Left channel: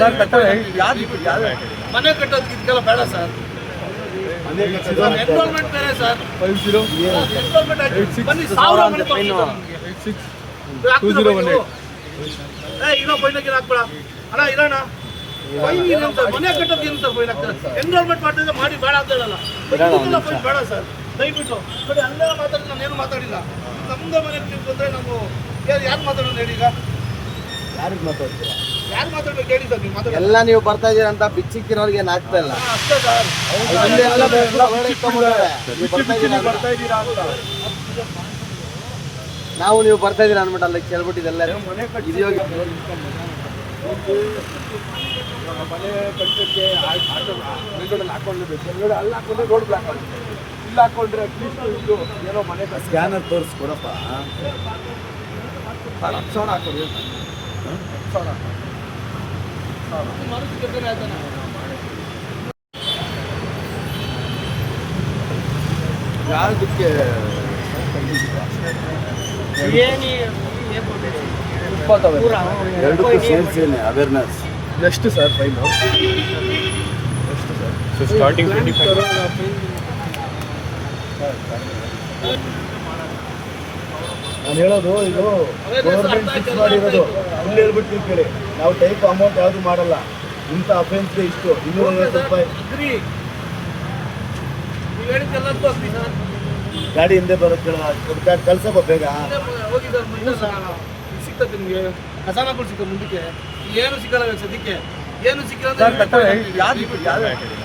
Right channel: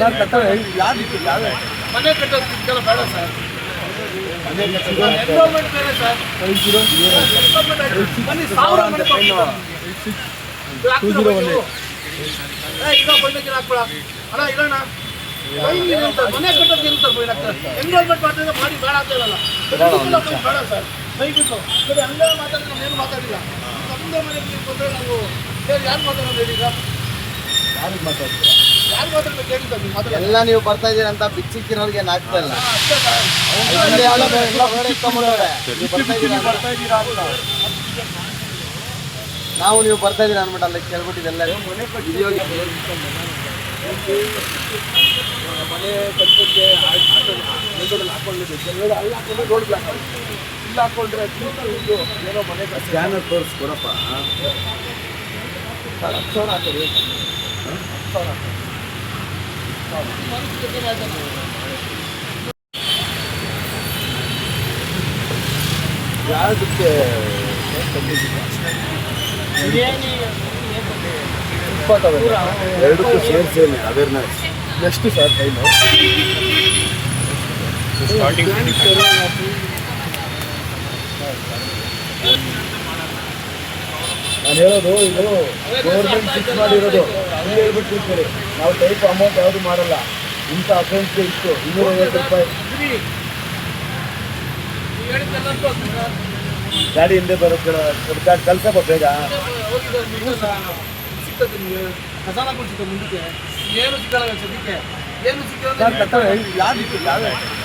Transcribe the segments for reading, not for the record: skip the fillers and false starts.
Sir ಕಟ್ಟಡ ಯಾವ್ದು ಮನೆ ಕಟ್ಟೋದು ಇದಕ್ಕೆಲ್ಲ ಬೇಡ ಸರ್. ಎನ್ರೋಲ್ಮೆಂಟ್ ಬೇರೆ ಸರ್. 50 ಬನ್ನಿ 1000 ಮನೆ ಕೊಡ್ತೀನಿ. 2018 ಇರೋ ಬೈನಾಗಿರ ಹಾಕ್ಬೇಡ ಅಣ್ಣ ಇರೋಣ. ಮನೆ ಕಟ್ಟೋದು ಇರ್ತಾರೆ ಬೈನಾಗ್ತಾರೆ. ಎನ್ರೋಲ್ಮೆಂಟ್ ಮಾಡ್ತಿದ್ರೆ ಮಾಡಿ ಬೇಡ ಅಂತ ಹೇಳಲ್ಲ. ಬೇಡ ಸರ್ ದಯವಿಟ್ಟು ಬರೀ ಹಂಗೆ ಮಾತಾಡಿ ನಮ್ಗೇನು ಮಾತಾಡಿಲ್ಲ. ನಮ್ಮದೇ ಮನೆ ಬಂದರೆ ನಾವು ಯಾರು ಮಾತಾಡೋದು ಹೇಳಿ ಈಗ? ಯಾರು ಮಾತಾಡ್ತೀರಾ? ಯಾರು ಮಾತಾಡ್ಬೇಕು ಹೇಳಿ ಸರ್? ನೀವು ಮಾತಾಡೋದು ಎಲ್ಲ ನೀವು ಬರ್ತಾ ಇದೀರ ಅಂತ ಬಿಚ್ಚಿಕ್ಕಿರೋರಿಗೆ ಏನು ಆಗ್ತಾ ಇಲ್ಲ. ಅಷ್ಟೇ ಸರ್. ಬರ್ತಾ ಇದ್ದೀರಾ ಅಂತ ನಾವು ನೀವು ಬರ್ತಾ ಇದೀರ ಅಂದ್ಬಿಟ್ಟು ಅಲ್ಲಿ ಕೇಳ್ಬಿಟ್ಟಿದ್ದು ಎಲ್ಲರೂ ಮನೆ ಕಟ್ಟಿದೆಯೋ ಮನೆ ಕಟ್ಟಕ್ಕೆ ಆಟೋದಲ್ಲಿ ಹಾಕೊಂಡಿದ್ದೆ. ಕೆಲವರು ಅಲ್ಲಿ ಹಾಕೊಂಡ್ರೆ ರೋಡ್ ಬ್ಲಾಕ್ ಆಗುತ್ತೆ. ಇಲ್ಲಿ ಹಾಕೊಂಡ್ರೆ ಇದು ಏನೋ ಮನೆ ಸ್ಕ್ಯಾನರ್ ತೋರಿಸ್ಕೊಡಪ್ಪ. 10,000 ಹಾಕೋರಿ. 10,000 ಹಾಕೋರಿ. ಯಾವುದಕ್ಕೆ ಎರಡಕ್ಕೂ ಸೇರಿಸಿ ಅವೇರ್ನೆಸ್ ಎಷ್ಟು ಸರ್ ಫೈನು? ನಾನು ಹೇಳೋದು ಇದು ಗೌರ್ಮೆಂಟ್ ಫಿಕ್ಸ್ ಮಾಡಿರೋದು. ಹಂಗೆ ಹೇಳ್ಬಿಟ್ಟು ಕೂತ್ಕೊಳ್ಳಿ. ನಾವು ಟೈಪ್ ಅಮೌಂಟ್ ಯಾವುದು ಮಾಡಲ್ಲ. ಇಂಥ ಅಫೆನ್ಸ್ಗೆ ಇತ್ತು 250 ರೂಪಾಯಿ. ಗಾಡಿ ಹಿಂದೆ ಬರುತ್ತೆ. ಕಳ್ಸಪ್ಪ ಬೇಗ. ಸಿಗ್ತದೆ ನಿಮಗೆ ಖಜಾನಾಗಳು ಸಿಗ್ತದೆ ಮುಂದಕ್ಕೆ. ಏನು ಸಿಕ್ಕಲ್ಲ ಸದ್ಯಕ್ಕೆ. ಏನು ಸಿಕ್ಕಿಲ್ಲ ಸರ್ ಕಟ್ಟಡ ಯಾವ್ದು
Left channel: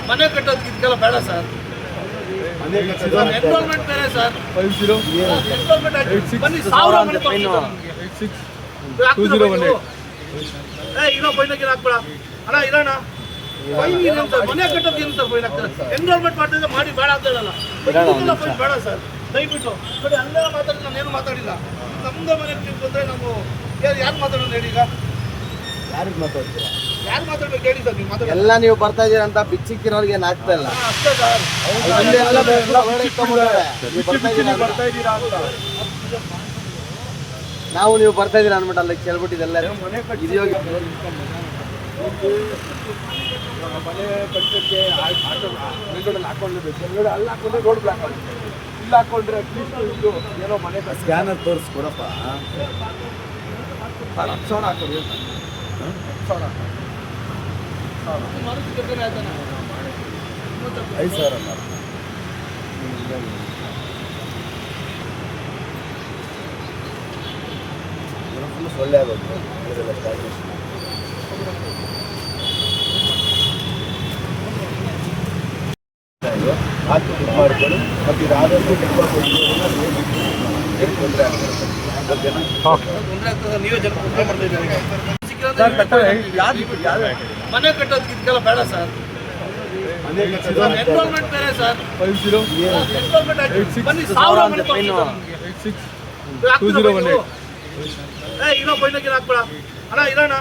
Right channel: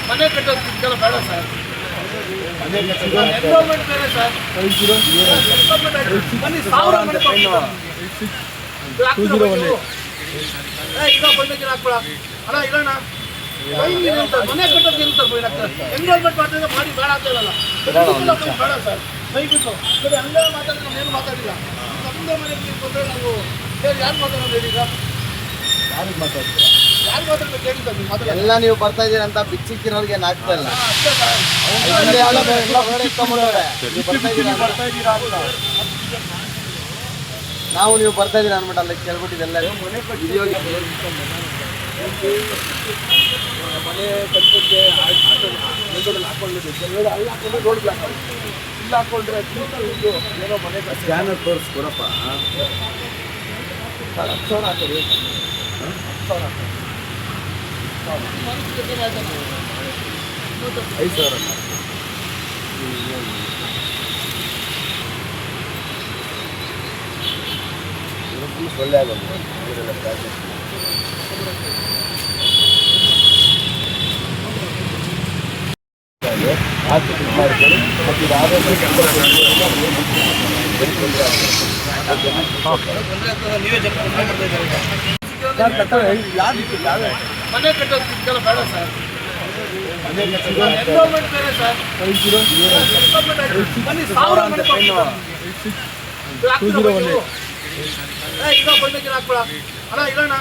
ಮನೆ ಕಟ್ಟೋದು ಇದಕ್ಕೆಲ್ಲ ಬೇಡ ಸರ್. ಎನ್ರೋಲ್ಮೆಂಟ್ ಬೇರೆ ಸರ್. 50 ಬನ್ನಿ 1000 ಮನೆ ಕೊಡ್ತೀನಿ. 2018 ಇರೋ ಬೈನಾಗಿರ ಹಾಕ್ಬೇಡ ಅಣ್ಣ ಇರೋಣ. ಮನೆ ಕಟ್ಟೋದು ಇರ್ತಾರೆ ಬೈನಾಗ್ತಾರೆ. ಎನ್ರೋಲ್ಮೆಂಟ್ ಮಾಡ್ತಿದ್ರೆ ಮಾಡಿ ಬೇಡ ಅಂತ ಹೇಳಲ್ಲ. ಬೇಡ ಸರ್ ದಯವಿಟ್ಟು ಬರೀ ಹಂಗೆ ಮಾತಾಡಿ ನಮ್ಗೇನು ಮಾತಾಡಿಲ್ಲ. ನಮ್ಮದೇ ಮನೆ ಬಂದರೆ ನಾವು ಯಾರು ಮಾತಾಡೋದು ಹೇಳಿ ಈಗ? ಯಾರು ಮಾತಾಡ್ತೀರಾ? ಯಾರು ಮಾತಾಡ್ಬೇಕು ಹೇಳಿ ಸರ್? ನೀವು ಮಾತಾಡೋದು ಎಲ್ಲ ನೀವು ಬರ್ತಾ ಇದೀರ ಅಂತ ಬಿಚ್ಚಿಕ್ಕಿರೋರಿಗೆ ಏನು ಆಗ್ತಾ ಇಲ್ಲ. ಅಷ್ಟೇ ಸರ್. ಬರ್ತಾ ಇದ್ದೀರಾ ಅಂತ ನಾವು ನೀವು ಬರ್ತಾ ಇದೀರ ಅಂದ್ಬಿಟ್ಟು ಅಲ್ಲಿ ಕೇಳ್ಬಿಟ್ಟಿದ್ದು ಎಲ್ಲರೂ ಮನೆ ಕಟ್ಟಿದೆಯೋ ಮನೆ ಕಟ್ಟಕ್ಕೆ ಆಟೋದಲ್ಲಿ ಹಾಕೊಂಡಿದ್ದೆ. ಕೆಲವರು ಅಲ್ಲಿ ಹಾಕೊಂಡ್ರೆ ರೋಡ್ ಬ್ಲಾಕ್ ಆಗುತ್ತೆ. ಇಲ್ಲಿ ಹಾಕೊಂಡ್ರೆ ಇದು ಏನೋ ಮನೆ ಸ್ಕ್ಯಾನರ್ ತೋರಿಸ್ಕೊಡಪ್ಪ. 10,000 ಹಾಕೋರಿ. 10,000 ಹಾಕೋರಿ. 5,000 ಒಳ್ಳೆ ಆಗೋದು. ಹಾಕಿ ಇದು ಮಾಡ್ಕೊಳ್ಳಿ. ಮತ್ತು ಇದು ಆದಷ್ಟು ಸರ್ ಕಟ್ಟಡ ಯಾವ್ದು ಮನೆ ಕಟ್ಟೋದು ಇದಕ್ಕೆಲ್ಲ ಬೇಡ ಸರ್. ಎನ್ರೋಲ್ಮೆಂಟ್ ಬೇರೆ ಸರ್. 50 ಬನ್ನಿ 1000 ಮನೆ ಕೊಡ್ತೀನಿ. 2018 ಇರೋ ಬೈನಾಗಿರ ಹಾಕ್ಬೇಡ ಅಣ್ಣ ಇರೋಣ.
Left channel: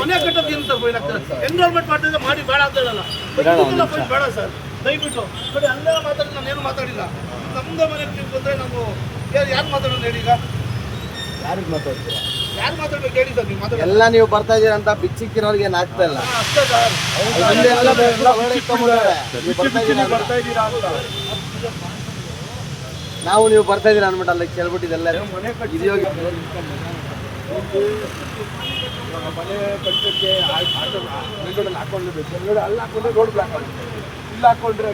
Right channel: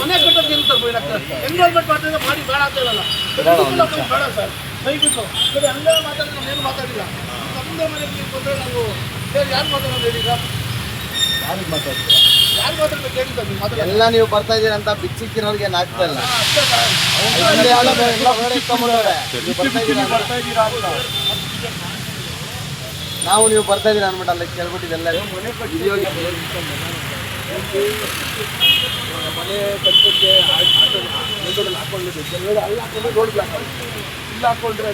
ಮನೆ ಕಟ್ಟೋದು ಇರ್ತಾರೆ ಬೈನಾಗ್ತಾರೆ. ಎನ್ರೋಲ್ಮೆಂಟ್ ಮಾಡ್ತಿದ್ರೆ ಮಾಡಿ ಬೇಡ ಅಂತ ಹೇಳಲ್ಲ. ಬೇಡ ಸರ್ ದಯವಿಟ್ಟು ಬರೀ ಹಂಗೆ ಮಾತಾಡಿ ನಮ್ಗೇನು ಮಾತಾಡಿಲ್ಲ. ನಮ್ಮದೇ ಮನೆ ಬಂದರೆ ನಾವು ಯಾರು ಮಾತಾಡೋದು ಹೇಳಿ ಈಗ? ಯಾರು ಮಾತಾಡ್ತೀರಾ? ಯಾರು ಮಾತಾಡ್ಬೇಕು ಹೇಳಿ ಸರ್? ನೀವು ಮಾತಾಡೋದು ಎಲ್ಲ ನೀವು ಬರ್ತಾ ಇದೀರ ಅಂತ ಬಿಚ್ಚಿಕ್ಕಿರೋರಿಗೆ ಏನು ಆಗ್ತಾ ಇಲ್ಲ. ಅಷ್ಟೇ ಸರ್. ಬರ್ತಾ ಇದ್ದೀರಾ ಅಂತ ನಾವು ನೀವು ಬರ್ತಾ ಇದೀರ ಅಂದ್ಬಿಟ್ಟು ಅಲ್ಲಿ ಕೇಳ್ಬಿಟ್ಟಿದ್ದು ಎಲ್ಲರೂ ಮನೆ ಕಟ್ಟಿದೆಯೋ ಮನೆ ಕಟ್ಟಕ್ಕೆ ಆಟೋದಲ್ಲಿ ಹಾಕೊಂಡಿದ್ದೆ. ಕೆಲವರು ಅಲ್ಲಿ ಹಾಕೊಂಡ್ರೆ ರೋಡ್ ಬ್ಲಾಕ್ ಆಗುತ್ತೆ. ಇಲ್ಲಿ ಹಾಕೊಂಡ್ರೆ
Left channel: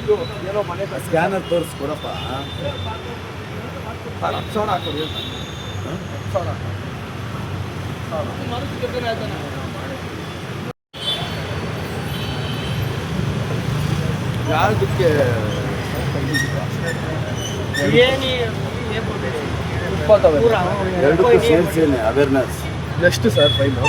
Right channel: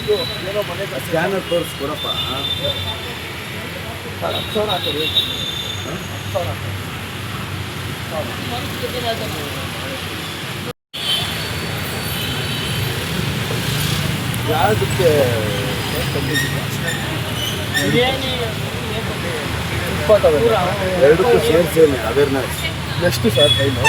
ಇದು ಏನೋ ಮನೆ ಸ್ಕ್ಯಾನರ್ ತೋರಿಸ್ಕೊಡಪ್ಪ. 10,000 ಹಾಕೋರಿ. 10,000 ಹಾಕೋರಿ. ಯಾವುದಕ್ಕೆ ಎರಡಕ್ಕೂ ಸೇರಿಸಿ ಅವೇರ್ನೆಸ್ ಎಷ್ಟು ಸರ್ ಫೈನು?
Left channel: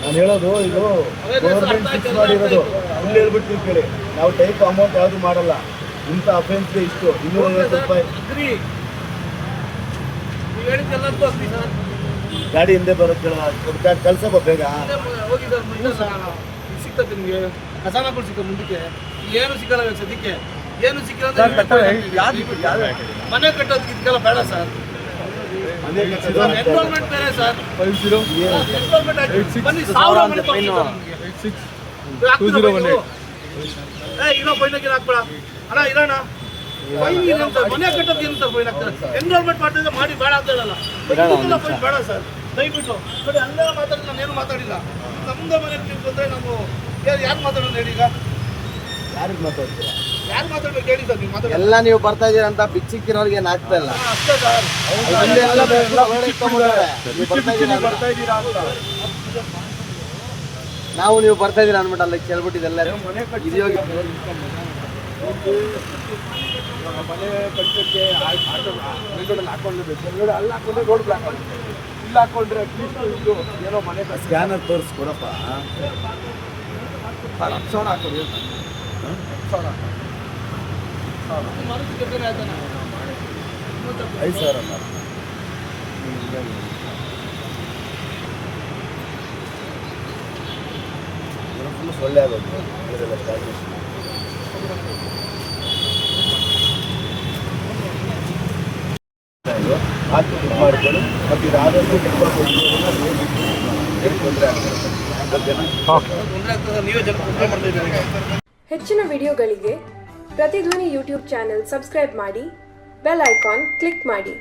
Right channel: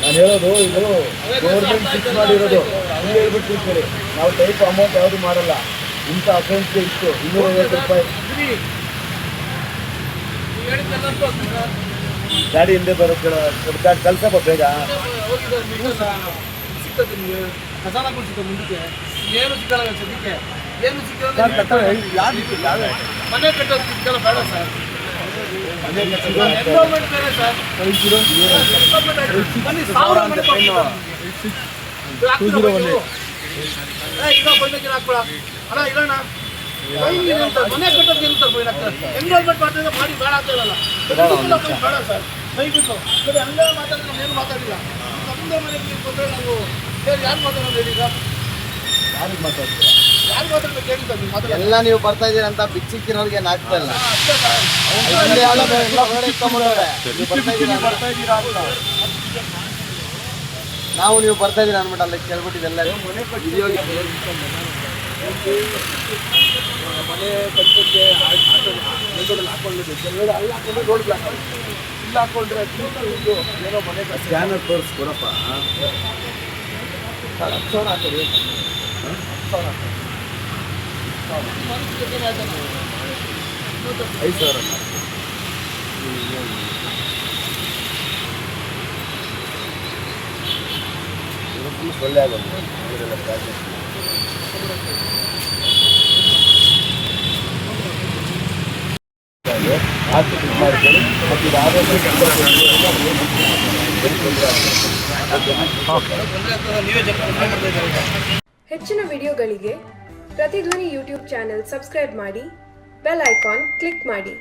ನಾನು ಹೇಳೋದು ಇದು ಗೌರ್ಮೆಂಟ್ ಫಿಕ್ಸ್ ಮಾಡಿರೋದು. ಹಂಗೆ ಹೇಳ್ಬಿಟ್ಟು ಕೂತ್ಕೊಳ್ಳಿ. ನಾವು ಟೈಪ್ ಅಮೌಂಟ್ ಯಾವುದು ಮಾಡಲ್ಲ. ಇಂಥ ಅಫೆನ್ಸ್ಗೆ ಇತ್ತು 250 ರೂಪಾಯಿ. ಗಾಡಿ ಹಿಂದೆ ಬರುತ್ತೆ. ಕಳ್ಸಪ್ಪ ಬೇಗ. ಸಿಗ್ತದೆ ನಿಮಗೆ ಖಜಾನಾಗಳು ಸಿಗ್ತದೆ ಮುಂದಕ್ಕೆ. ಏನು ಸಿಕ್ಕಲ್ಲ ಸದ್ಯಕ್ಕೆ. ಏನು ಸಿಕ್ಕಿಲ್ಲ ಮನೆ ಕಟ್ಟೋದು ಇದೆಲ್ಲ ಬೇಡ ಸರ್. ಎನ್ರೋಲ್ಮೆಂಟ್ ಬೇರೆ ಸರ್. ಬನ್ನಿ 1000 ಮನೆ ಇರೋ ಬೈನಾಗಿರ ಹಾಕ್ಬೇಡ ಅಣ್ಣ ಇರೋಣ. ಫೈನ್ ಇರುತ್ತೆ, ಮನೆ ಕಟ್ಟೋದು ಇರುತ್ತೆ ಫೈನ್ ಆಗ್ತದೆ. ಎನ್ರೋಲ್ಮೆಂಟ್ ಮಾಡ್ತಿದ್ರೆ ಮಾಡಿ ಬೇಡ ಅಂತ ಹೇಳಲ್ಲ. ಫೈನ್ ಬೇಡ ಸರ್ ದಯವಿಟ್ಟು. ನೋಡಿ ಹಂಗೆ ಮಾತಾಡಿದ್ರೆ ನಮ್ಗೇನು ಮಾತಾಡಿಲ್ಲ. ನಮ್ಮದೇ ಮನೆ ನೀವು ಬಂದರೆ ನಾವು ಯಾರು ಮಾತಾಡೋದು ಹೇಳಿ ಈಗ? ಯಾರು ಮಾತಾಡ್ಬೇಕು ಹೇಳಿ ಸರ್? ನೀವು ಮಾತಾಡೋದು ಎಲ್ಲ ನೀವು ಬರ್ತಾ ಇದೀರ ಅಂತ ಬಿಚ್ಚಿಕ್ಕಿರೋರ್ಗೆ ಏನು ಆಗ್ತಾ ಇಲ್ಲ. ಅಷ್ಟೇ ಸರ್. ಅಲ್ಲಿ ಎಲ್ಲ ರೋಡ್ ಎತ್ಕೊಂಡ್ಬಿಡವ್ರೆ. ನೀವು ಬರ್ತಾ ಇದೀರ ಅಂತ. ನೀವು ಬರ್ತಾ ಇದೀರ ಅಂದ್ಬಿಟ್ಟು ಅಲ್ಲಿ ಕೇಳ್ಬಿಟ್ಟಿದ್ದು ಎಲ್ಲರೂ. ಮನೆ ಕಟ್ಟಿದ್ಯೋ ಮನೆ ಕಟ್ಟಕ್ಕೆ ಆಟೋ ಮುಂದೋಡಲ್ಲಿ ಹಾಕೊಂಡಿದ್ದೆ. ಕೆಲವೆಡೆ ಅಲ್ಲಿ ಹಾಕೊಂಡ್ರೆ ರೋಡ್ ಬ್ಲಾಕ್ ಆಗುತ್ತೆ. ಇಲ್ಲಿ ಹಾಕೊಂಡ್ರೆ ಅಟ್ಲೀಸ್ಟ್ ಇದು ಏನೋ ಮನೆ ಸ್ಕ್ಯಾನರ್ ತೋರಿಸ್ಕೊಡಪ್ಪ. 10,000 ಹಾಕೋರಿ. 10,000 ಹಾಕಿ 5,000 ಅಲ್ಲ. ಸೊಳ್ಳೆ ಆಗೋದು ಇವರೆಲ್ಲ ಪ್ಯಾಕೇಜ್. ಹಾಕಿ ಇದು ಮಾಡ್ಕೊಳ್ಳಿ. ಮತ್ತು ಇದು ಆದಷ್ಟು ತೊಂದರೆ ಆಗ್ತದೆ. ಹೆಚ್ಚಿನ ವಿಡಿಯೋಗಳಿಗೆ ಪ್ರತಿಧ್ವನಿ ಯೂಟ್ಯೂಬ್ ಚಾನೆಲ್ ಸಬ್ಸ್ಕ್ರೈಬ್ ಮಾಡಿ, ಬೆಲ್ ಐಕಾನ್ ಕ್ಲಿಕ್ ಮಾಡಿ.